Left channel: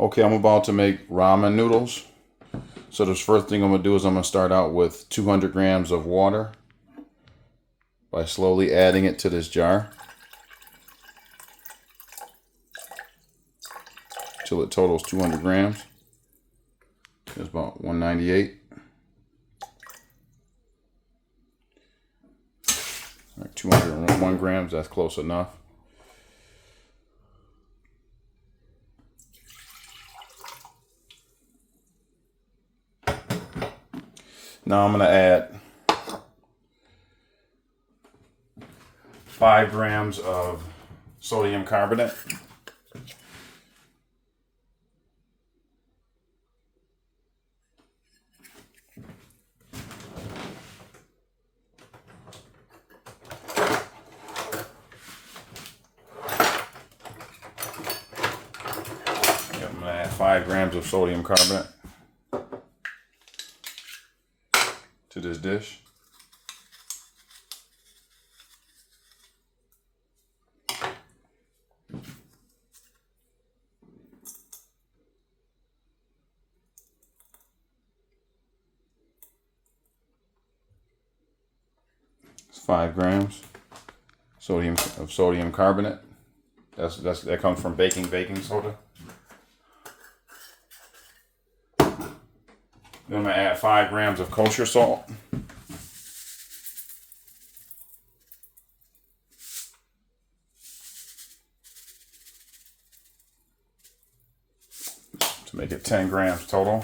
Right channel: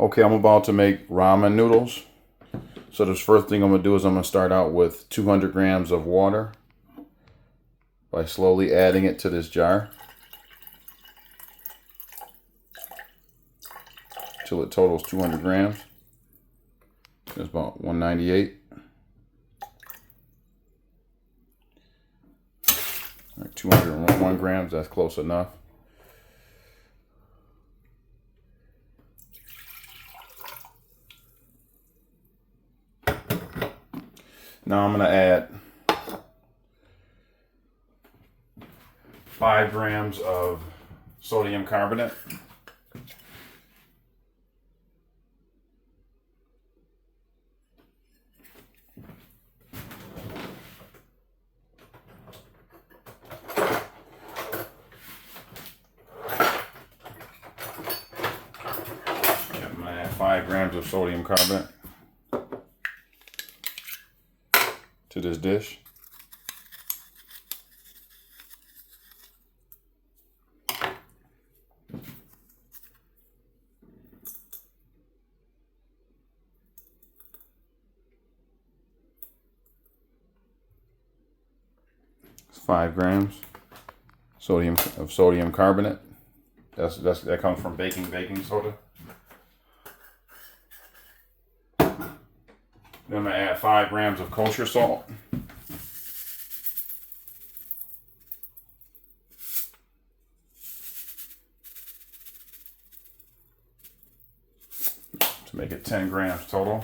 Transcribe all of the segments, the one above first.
Okay, I'm about to make ramen noodles. So the first thing I'm going to do is I'm going to start out with 200 grams of water by slowly adding it to this jar till it totals 200 grams. It's about 198. Like 201 grams, that's close enough. Now I'm going to add 5 grams of sodium carbonate. I'm going to add 5 grams of sodium carbonate to this dish. It's 5 grams of sodium carbonate. That comes from baking soda. Then I'm going to add 5 grams of kosher salt. To make it 10 grams total.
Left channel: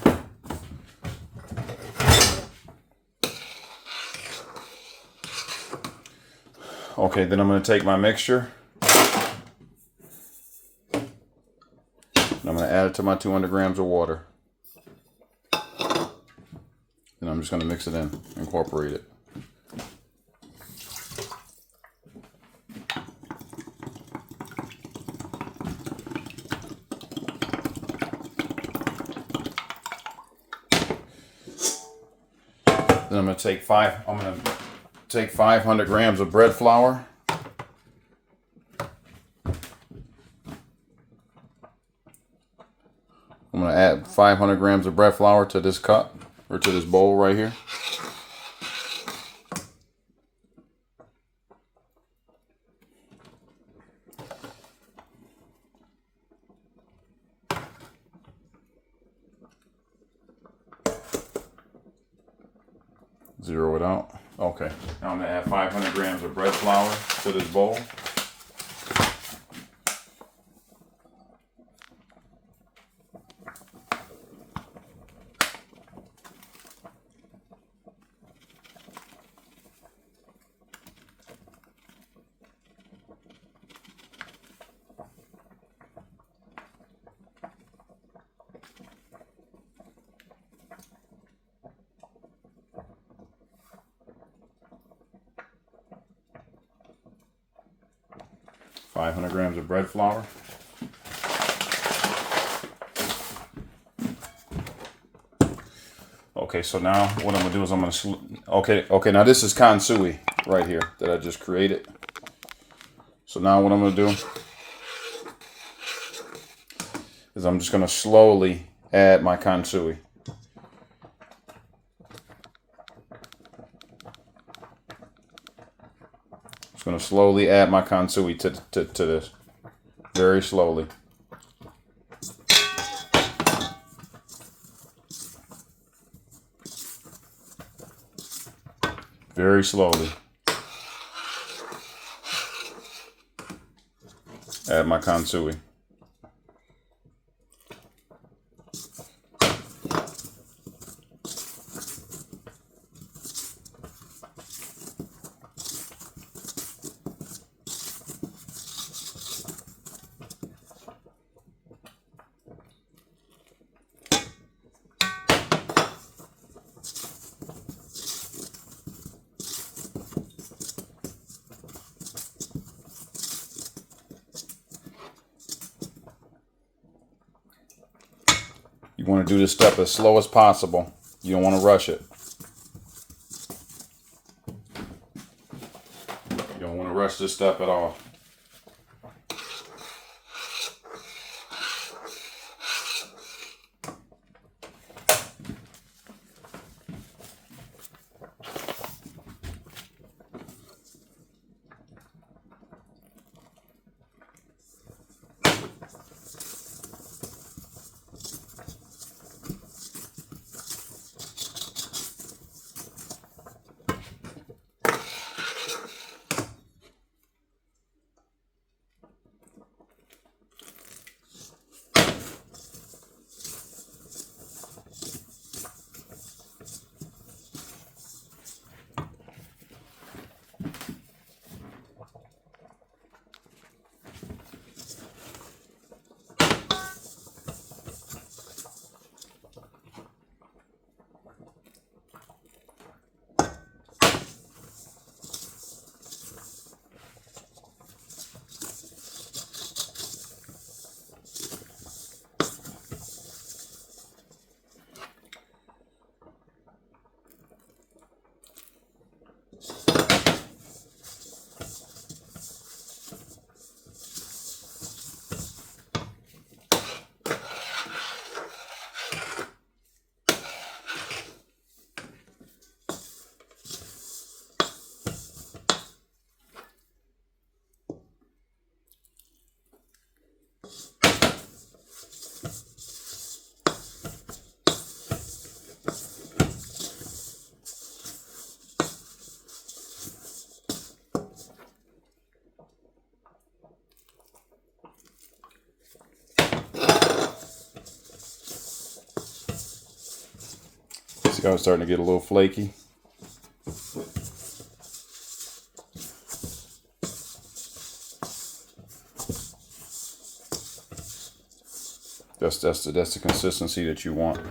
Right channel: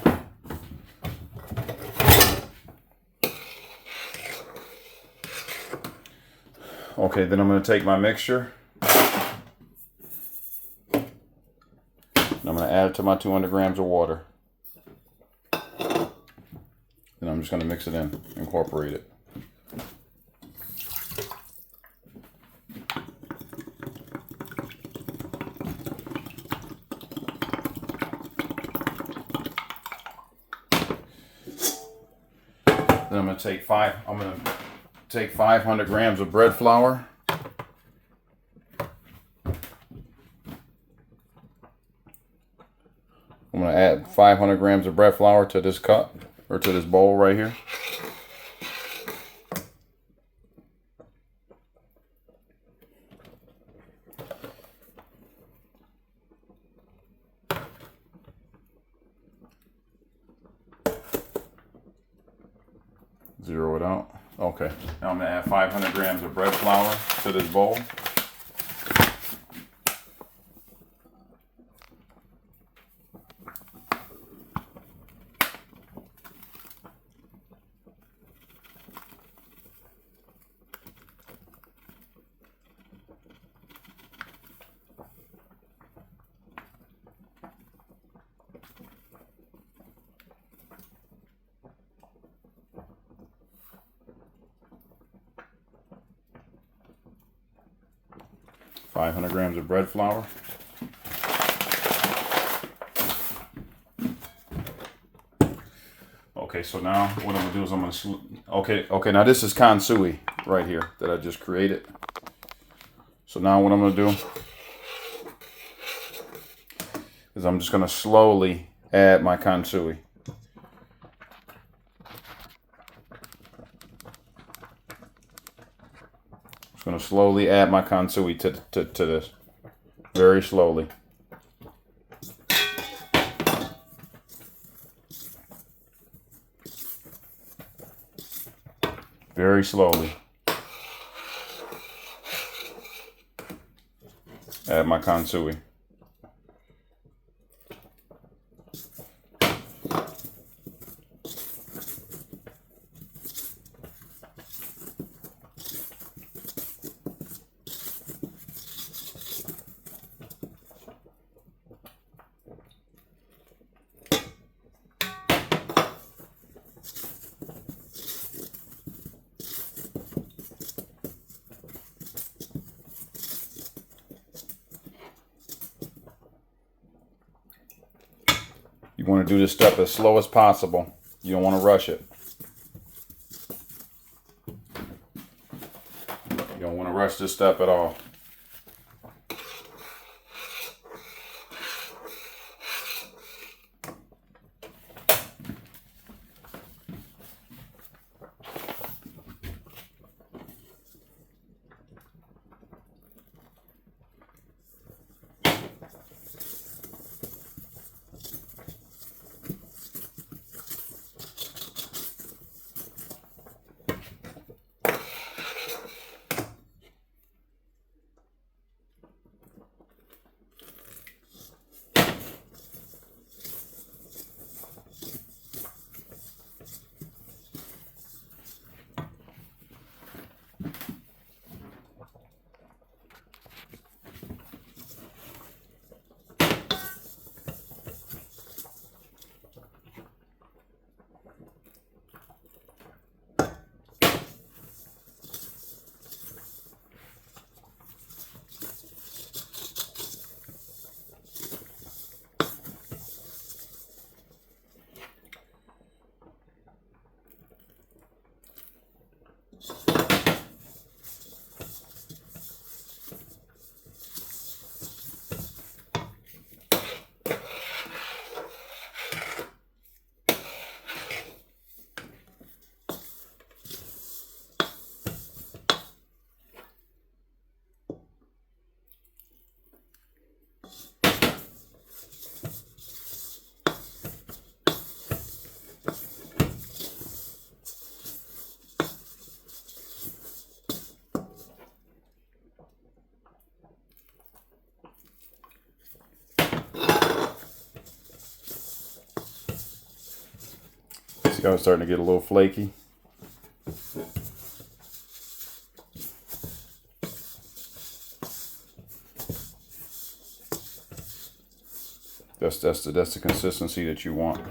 Okay, then I'm going to take my mixture. And I'm going to add it to my 200 grams of water. And I'm just going to mix it in, incorporate it. Then I'm going to take 500 grams of bread flour. I'm going to add 500 grams of bread flour to this cup, or to this bowl right here. Zero it out. Okay, now I'm going to add 500 grams of bread flour to this bowl. Five 500 grams of bread flour. Okay, so now what I'm gonna do is I'm gonna okay. Now this is kansui right here that I just created. So now what I'm gonna do is I'm just gonna slowly add my kansui. Just gonna slowly add my kansui to this, very slowly. Very slowly. Add my kansui. You want to do this step as slow as possible. You don't want to rush it. You don't want to rush this step at all. See how it's starting to get a little flaky? That's the consistency that you want.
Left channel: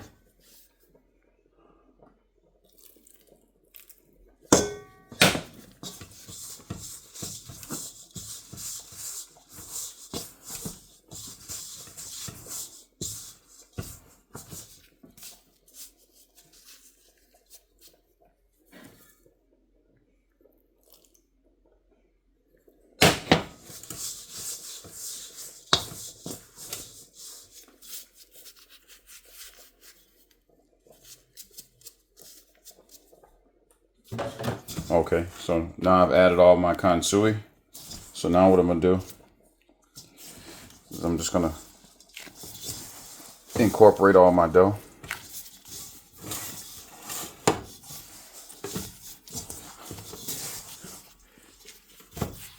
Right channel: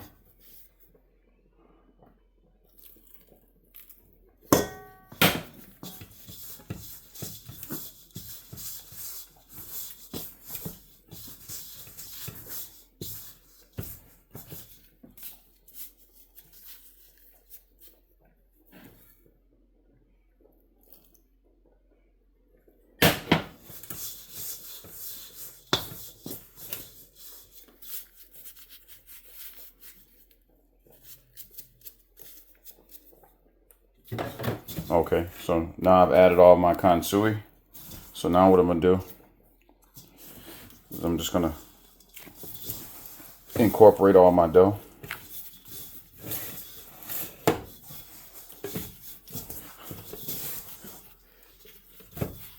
Okay, so now I've added all my kansui. So now what I'm gonna do is I'm just gonna incorporate all my dough.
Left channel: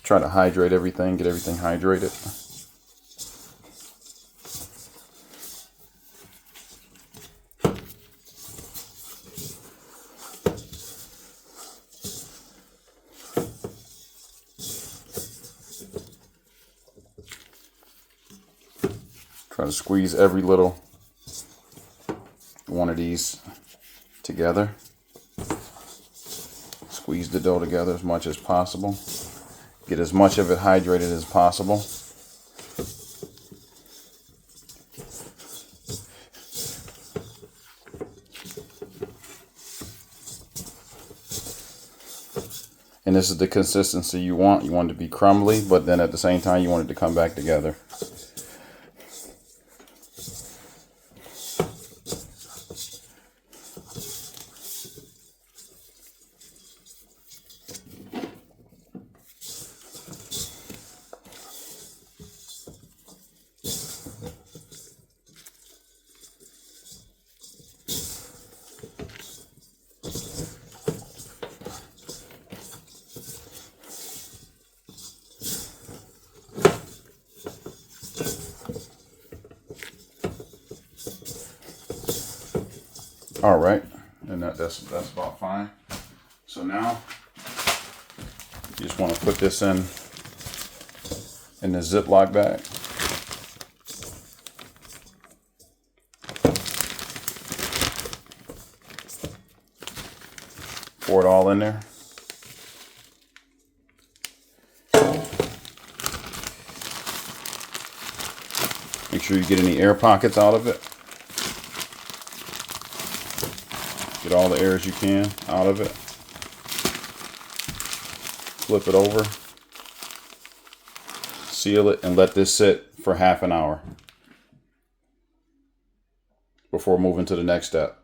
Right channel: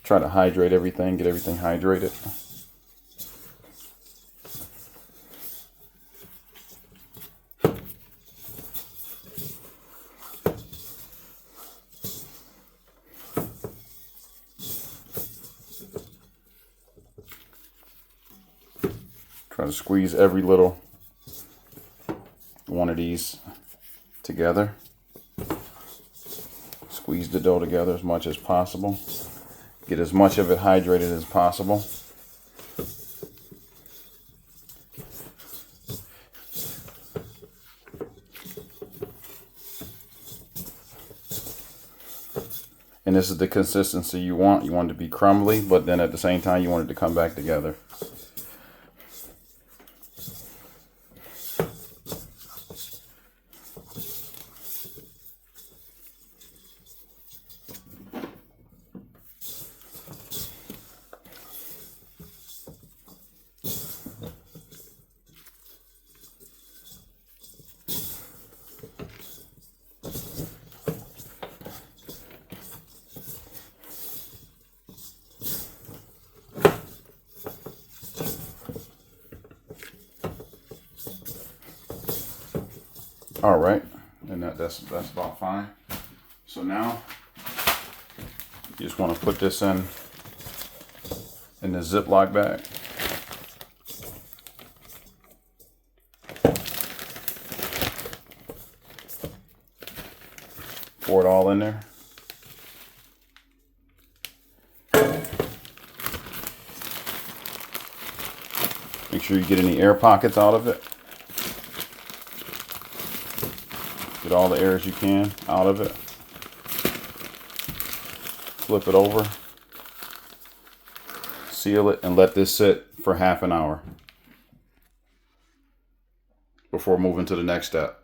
Try to hydrate everything, get everything hydrated. Try to squeeze every little one of these together. Squeeze the dough together as much as possible. Get as much of it hydrated as possible. And this is the consistency you want. You want it to be crumbly, but then at the same time you want it to come back together. All right, and that's about fine. So now you just want to put this in the Ziploc bag. Pour it all in there. Make sure you get any air pockets out of it. Get all the air as you can out of it. Flip it over. Seal it and let this sit for half an hour before moving to the next step.